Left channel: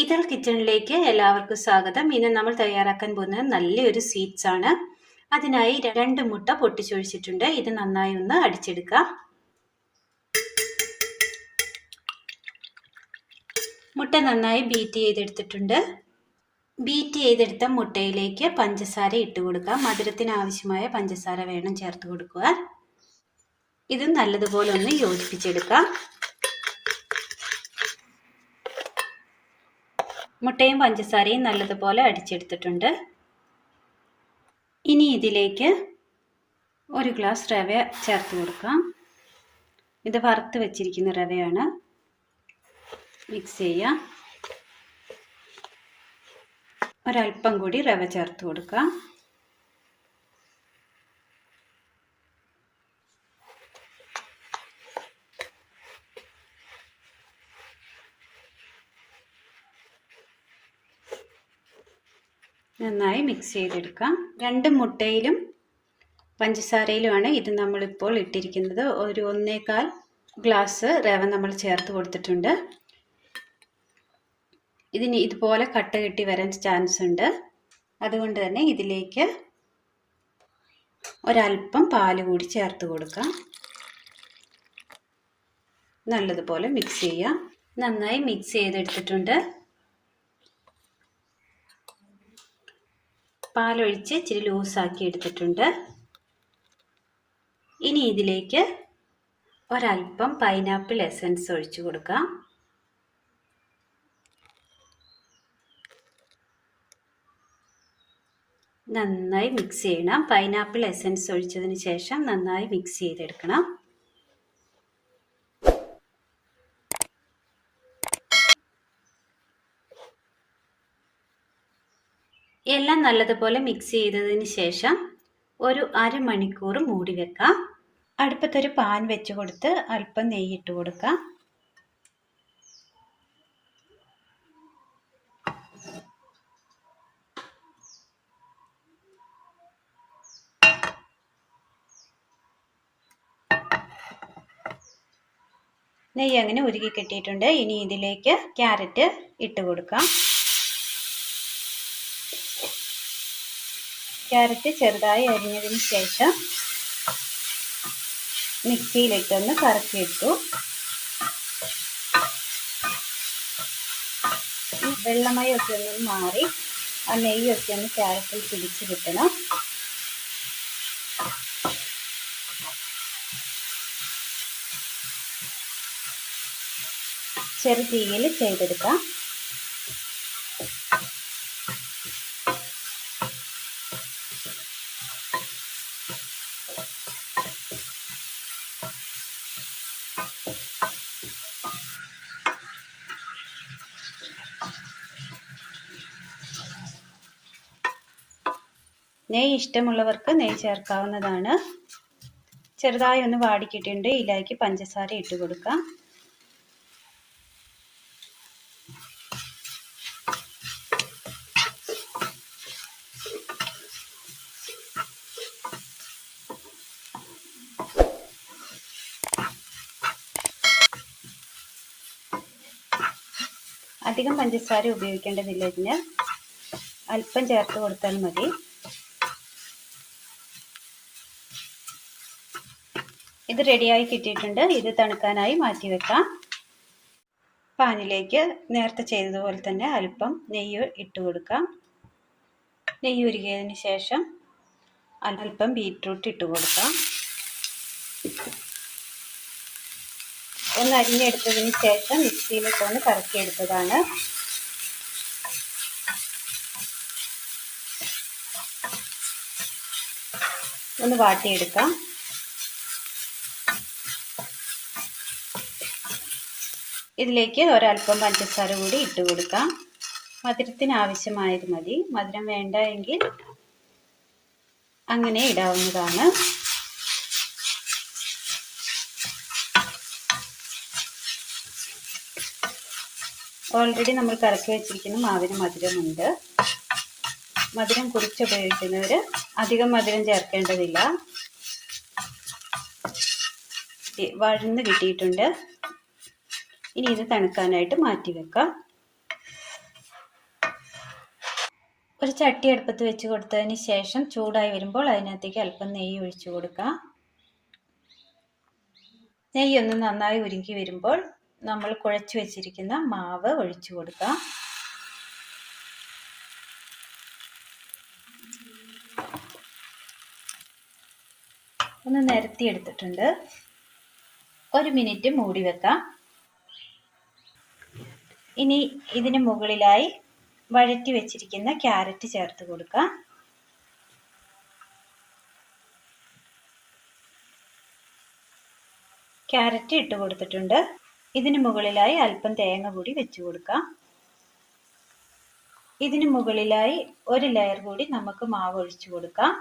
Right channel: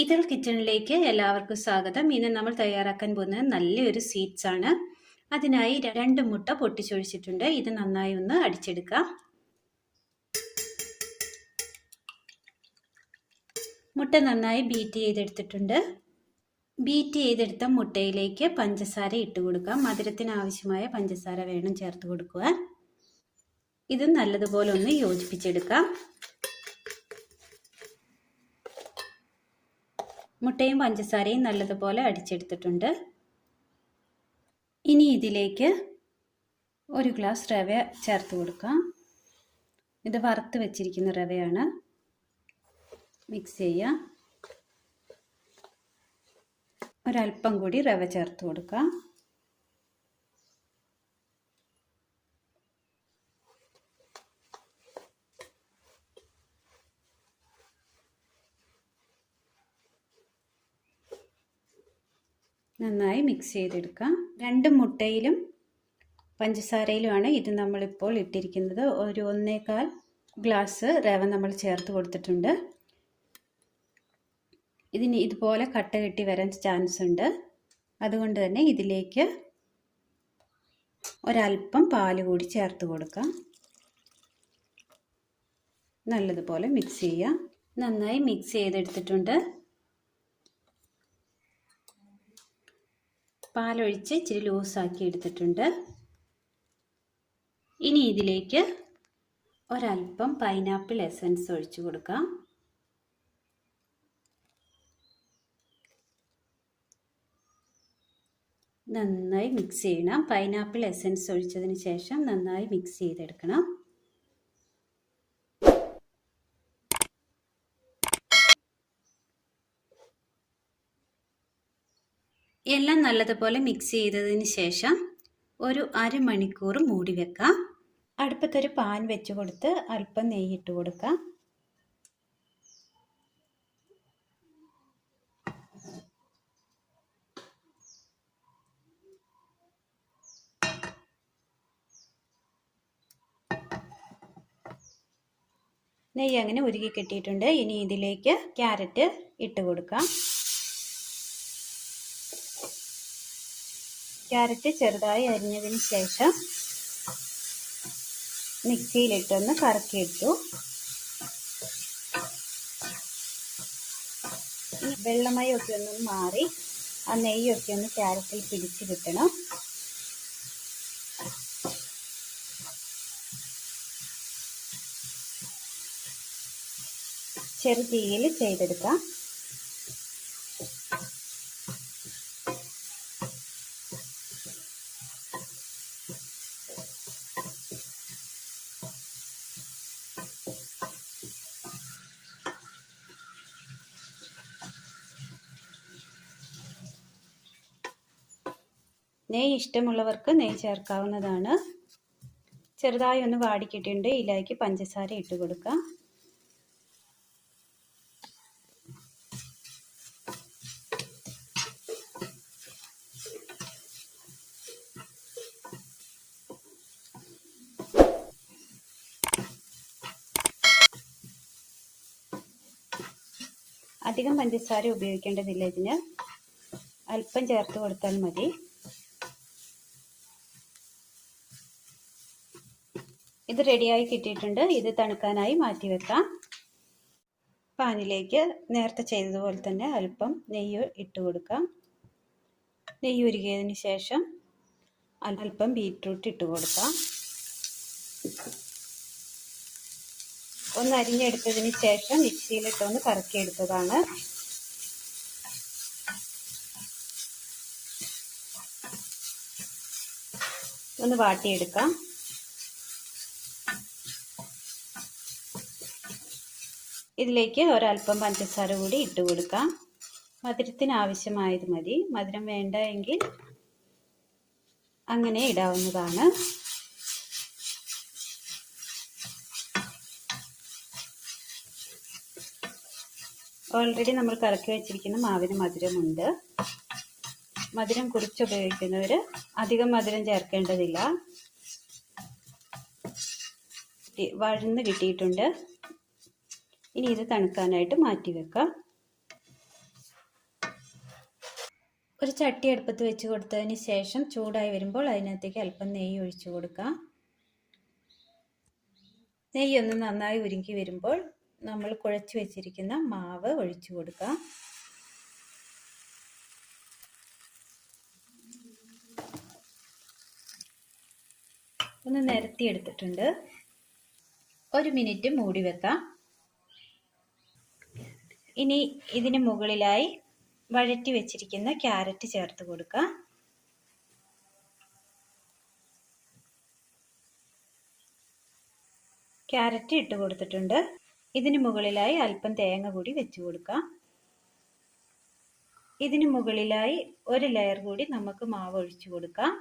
ഇതൾ കിച്ചണിലേക്ക് എല്ലാവർക്കും സ്വാഗതം. ഇന്ന് നമ്മൾ തയ്യാറാക്കാൻ പോകുന്നത് നല്ലൊരു സ്വീറ്റ്സ് ആണ്. അതിനായി രണ്ട് മുട്ട പൊട്ടിച്ചൊഴിച്ചിട്ടുണ്ട്. ഇത് നന്നായി ഒന്ന് അടിച്ചെടുക്കാം. മുട്ട നന്നായി ബീറ്റ് ചെയ്തെടുത്തിട്ടുണ്ട്. ബീറ്റ് ചെയ്തെടുത്ത മുട്ടയിലേക്ക് പഞ്ചസാര ഇട്ട് കൊടുക്കാം. മധുരത്തിന് ആവശ്യമായ പഞ്ചസാര വേണം ചേർത്ത് കൊടുക്കുക ഇത് നല്ലതുപോലെ ഒന്ന് യോജിപ്പിച്ചെടുക്കാം. മുട്ടയും പഞ്ചസാരയും നല്ലതുപോലെ അടിച്ചെടുത്തിട്ടുണ്ട്. ഇനി ഇതിലേക്ക് ഒരു ഗ്ലാസ് റവ ചേർത്ത് കൊടുക്കാം. ഇത് വറുത്ത് വെച്ചിരിക്കുന്ന റവയാണ്. മിക്സ് ചെയ്യാം. ഒരൽപ്പം കൂടി റവ ചേർത്ത് കൊടുക്കാം. നന്നായി മിക്സ് ചെയ്തെടുക്കാം. രണ്ട് മുട്ടയിലും പഞ്ചസാരയിലുമാണ് ഇത് നമ്മളിപ്പോൾ ഇട്ടിരിക്കുന്നത്. ഒരു ഒന്നേകാൽ ഗ്ലാസ് റവ നമ്മൾ ചേർത്ത് കൊടുത്തിട്ടുണ്ട്. ഇതിന് ഇതുപോലെ കട്ട കെട്ടി വരാൻ ചാൻസ് ഉണ്ട്. അതുകൊണ്ട് തന്നെ ഇതിലേക്ക് ഒരല്പം പാൽ കൂടി ചേർത്ത് കൊടുക്കാം. നല്ലതുപോലെ മിക്സ് ചെയ്യാം. നന്നായി മിക്സ് ചെയ്തെടുത്തിട്ടുണ്ട്. പാലൊഴിച്ച് ഇച്ചിരി ലൂസാക്കി എടുത്തിട്ടുണ്ട്. ഇനി ഇതിലേക്ക് ഒരൽപ്പം പൈനാപ്പിൾ എസൻസ് ഒഴിച്ചു കൊടുക്കാം. നന്നായി മിക്സ് ചെയ്യണം. പൈനാപ്പിൾ എസൻസ് ഒഴിച്ചതിന് ശേഷം നന്നായി മിക്സ് ചെയ്തെടുക്കണം. എല്ലാം നല്ലതുപോലെ മിക്സ് ചെയ്തതിന് ശേഷം ഒരു അരമണിക്കൂർ മൂടി വെക്കാം. അടുപ്പത്തൊരു പാൻ വെച്ച് കൊടുത്ത് അല്പം നെയ്യിട്ട് കൊടുക്കാം. നെയ്യ് അങ്ങനെ ഉരുകി കിട്ടിയിട്ടുണ്ട്. ഇനി ഇതിലേക്ക് ക്യാരറ്റ് ഇട്ട് കൊടുക്കാം. ക്യാരറ്റ് ചെറുതായി അരിഞ്ഞതിന് ശേഷം മിക്സിയിലിട്ടൊന്ന് കറക്കിയിട്ടു. വെള്ളമയൊക്കെ ഒന്ന് മാറി ആ നെയ്യൊക്കെ ഒന്ന് ക്യാരറ്റിൽ പിടിച്ചു കിട്ടണം. ചെറുതീയിൽ ചെയ്തെടുക്കാം. നെയ്യ് ഇഷ്ടമുള്ളവർക്ക് നെയ്യ് ചേർക്കാവുന്നതാണ് ചെറുതായി ഒന്ന് വാടിക്കിട്ടുണ്ട് ഇതിലേക്ക് പഞ്ചസാര ഇട്ട് കൊടുക്കാം. അധികം പഞ്ചസാര ഉപയോഗിക്കേണ്ടതില്ല ഇതിന്. അല്പം ചേർത്ത് കൊടുത്താൽ മതി. റെഡിയായി കിട്ടിയിട്ടുണ്ട്. ഇത് തണുക്കാനായി മാറ്റി വെക്കാം. പാനിലേക്ക് നേരത്തെ ചെയ്തതുപോലെ തന്നെ അല്പം നെയ്യ് ഇട്ട് കൊടുക്കാം. നെയ്യ് ഉരുകിയതിന് ശേഷം അല്പം ബീറ്റ്റൂട്ട് ഇട്ട് കൊടുക്കാം. ഒന്ന് അരിഞ്ഞെടുത്തതിന് ശേഷം മിക്സിയിലിട്ട് ഒന്ന് കറക്കിയെടുത്തതാണ്. ഒന്ന് വാട്ടിയെടുക്കാം. ഇതിലേക്ക് ഒരല്പം പഞ്ചസാര കൂടി ഇട്ട് കൊടുക്കാം. മധുരത്തിന് ആവശ്യമായത് മതി. മധുരം വേണ്ട എങ്കിൽ അങ്ങനെ ഇടാവുന്നതാണ്. ഓൾറെഡി നമ്മൾ കറക്കി വെച്ചിരിക്കുന്ന മാവിന് മധുരമുണ്ട്. മധുരം കുറിച്ച് ഉപയോഗിക്കുന്നവർ അധികം മധുരം ചേർക്കേണ്ടതില്ല. വഴന്ന് കിട്ടിയിട്ടുണ്ട്. ഇനി ഇത് തണുക്കാനായിട്ട് മാറ്റി വെക്കാം. ഒരു ചട്ടി അടുപ്പത്ത് വെച്ച് കൊടുത്തതിന് ശേഷം ചൂടായി വരുമ്പോൾ അതിനകത്തേക്ക് അല്പം നെയ്യ് ഒഴിച്ചു കൊടുക്കാം. നെയ്യ് ഒന്ന് നന്നായി ഉരുക്കി വരുമ്പോൾ നമ്മൾ കുഴച്ച് വെച്ചിരിക്കുന്ന മാവ് ഒഴിച്ചു കൊടുക്കാം. ഒന്ന് നിരത്തി എടുത്തിട്ടുണ്ട്. ഒരു മിനിറ്റ് മൂടി വെക്കാം. ഇനി ഇതിന് മുകളിലായി വഴറ്റി വെച്ചിരിക്കുന്ന ക്യാരറ്റ് ചേർത്ത് കൊടുക്കുക ക്യാരറ്റ് ഇട്ട് കൊടുത്തിട്ടുണ്ട്. ഇതിന് മുകളിലായി അല്പം തേങ്ങ കൂടി വെച്ച് കൊടുക്കാം. ഇതിന് മുകളിലായി ഒരു ലെയർ കൂടി നമുക്ക് മാവ് ഒഴിച്ചു കൊടുക്കാം.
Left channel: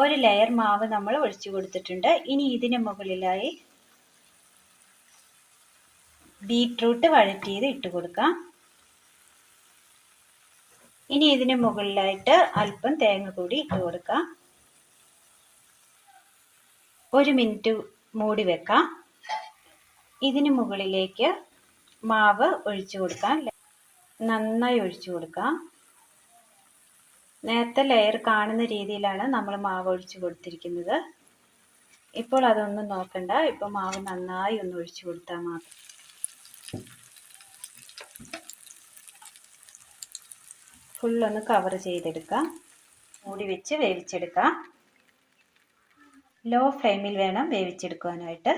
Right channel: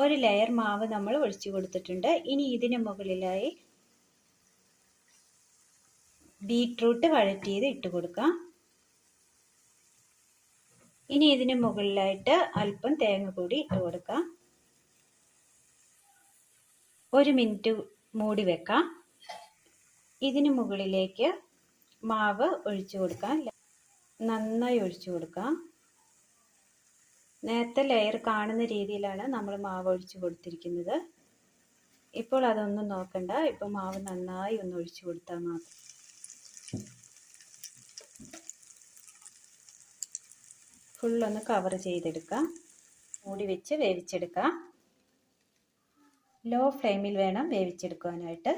ഒരു ലെയർ മാവ് നമ്മൾ ഒഴിച്ചു കൊടുത്തിട്ടുണ്ട്. ഇനി ഇതിന് മുകളിലായി ബീട്രൂട്ട് വഴറ്റിയത് ഇട്ട് കൊടുക്കാം. ഇനി ഇതിന് മുകളിലായിട്ട് അല്പം തേങ്ങ കൂടി ഇട്ട് കൊടുക്കാം. ഒരു മിനിറ്റ് മൂടി വെക്കാം. ഇതിന് മുകളിലേക്ക് മാവ് ഒഴിച്ചു കൊടുക്കാം. നന്നായി ഒഴിച്ചു കൊടുക്കാം. നേരത്തെ ലെയർ കാണുന്ന രീതിയിലാണ് നമ്മൾ മാവ് ഒഴിച്ചു കൊടുത്തിരിക്കുന്നത്. ഇപ്പോൾ അതൊന്നും നോക്കണ്ട. ഇപ്പൊ മാവ് നന്നായി ഒന്ന് ഒഴിച്ചു കൊടുത്താൽ മാത്രം ഫുള്ളൊന്ന് കവർ ചെയ്തെടുക്കാം. മൂടി വെച്ച് വേവിച്ചെടുക്കാം. ലോ ഫ്ലെയിമിൽ വേണം വേവിച്ചെടുക്കാനായിട്ട്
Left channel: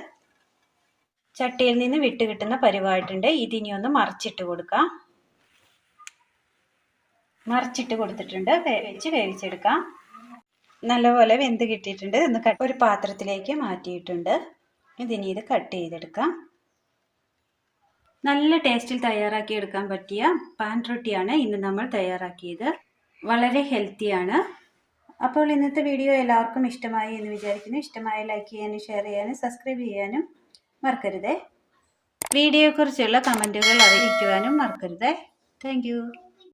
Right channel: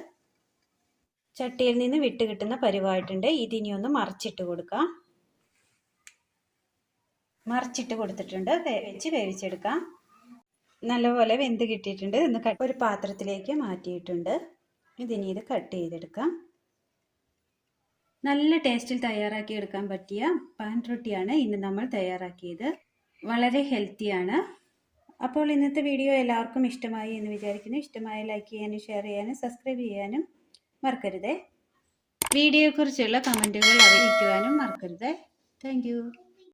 ചട്ടിയിൽ നിന്ന് വിട്ട് കിട്ടുന്ന പരിവായിട്ടുണ്ട്. ഇതിനി ഒന്ന് മറിച്ചിട്ട് കൊടുക്കാം. മറിച്ചിട്ട് കൊടുത്തിട്ടുണ്ട്. വെച്ച് വേവിച്ചെടുക്കാം. നല്ലപോലെ വെന്ത് കിട്ടിയിട്ടുണ്ട്. ഇന്ന് ഒരു പാത്രത്തിലേക്ക് മാറ്റിയിട്ടുണ്ട്. ഇതിനി ഇത് കട്ട് ചെയ്തെടുക്കാം. നല്ല ടേസ്റ്റിൽ തയ്യാറാക്കി എടുക്കാൻ പറ്റിയ പാൻ റൊട്ടിയാണ് ഇന്ന് നമ്മൾ തയ്യാറാക്കിയത്. വളരെ ഹെൽത്തിയാണ്. അപ്പോൾ ഇന്നത്തെ വീഡിയോ എല്ലാവർക്കും ഇഷ്ടമായി എന്ന് വിചാരിക്കുന്നു. ഇഷ്ടമായി ലൈക്ക് ചെയ്യാനും ഷെയർ ചെയ്യാനും സബ്സ്ക്രൈബ് ചെയ്യാനും മറക്കരുതേ. വീഡിയോയെക്കുറിച്ചുള്ള കമന്റുകൾ അറിയിക്കുവാനും മറക്കരുതേ. താങ്ക്